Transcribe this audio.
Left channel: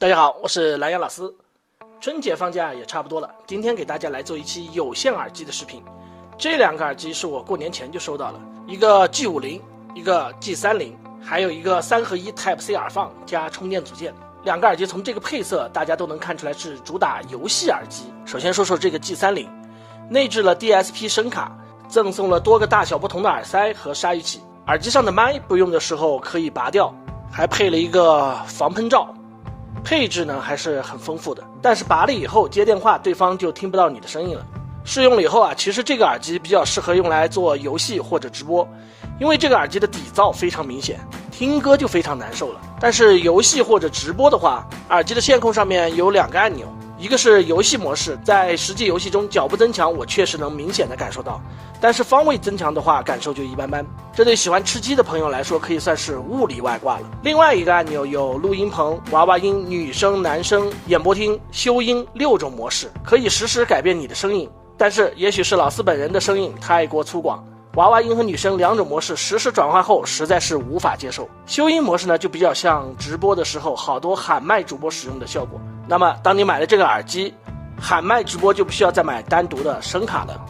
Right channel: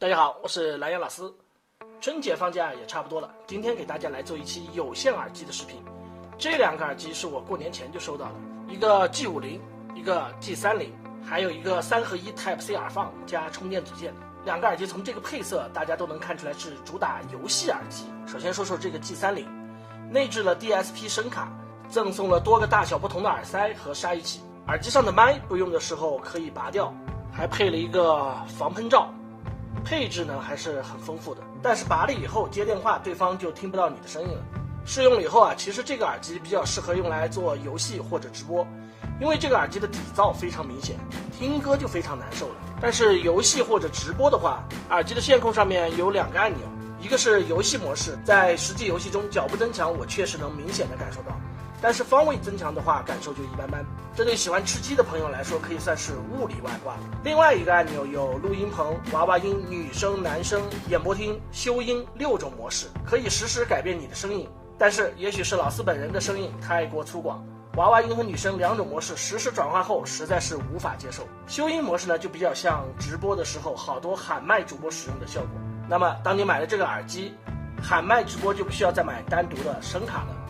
大家好，我是蓝洋老师。春节放假也差不多了，今天给大家来做一期有线耳机的视频。这两个耳机是我过年前就收到了，一个 G50，一个 G30，还有一个3合1 Type C 耳放加充电组件。两个耳机从这个配色大家都能看出来是主打游戏耳机。首先说说这个 G30， 内置了 DSP 声卡，赠送了多个大小不同的耳塞和鲨鱼鳍，耳机上的麦不用的时候可以拔掉，还配了一个防喷罩。配置呢还是很丰富的，但是拔了以后接电话对方就听不到你的声音了。试用了以后啊，其实这个耳机比较适合用来做游戏或者直播，因为这个耳机的底噪非常明显，听歌就非常难受了。但是游戏或者直播的话，耳机的线控上面有2个按钮，一个是游戏模式，在实际游戏中脚步增强我确实能明显的感受到，但是方位增强的话感受就一般般，这对喜欢吃鸡的朋友来说可以算是物理外挂了。另外一个按钮有录音棚、娃娃音、女声、男声、演播厅、修音6种模式，可以实时改变你的声音。但是也许是老师本人的声音太过粗犷，娃娃音和女声2种模式实时转换后实在是无法接受。修音模式呢就比较像直播的时候好多喊麦主播使用的效果。那么当你买了这个耳机，喊麦直播就不需要再买单独的声卡了。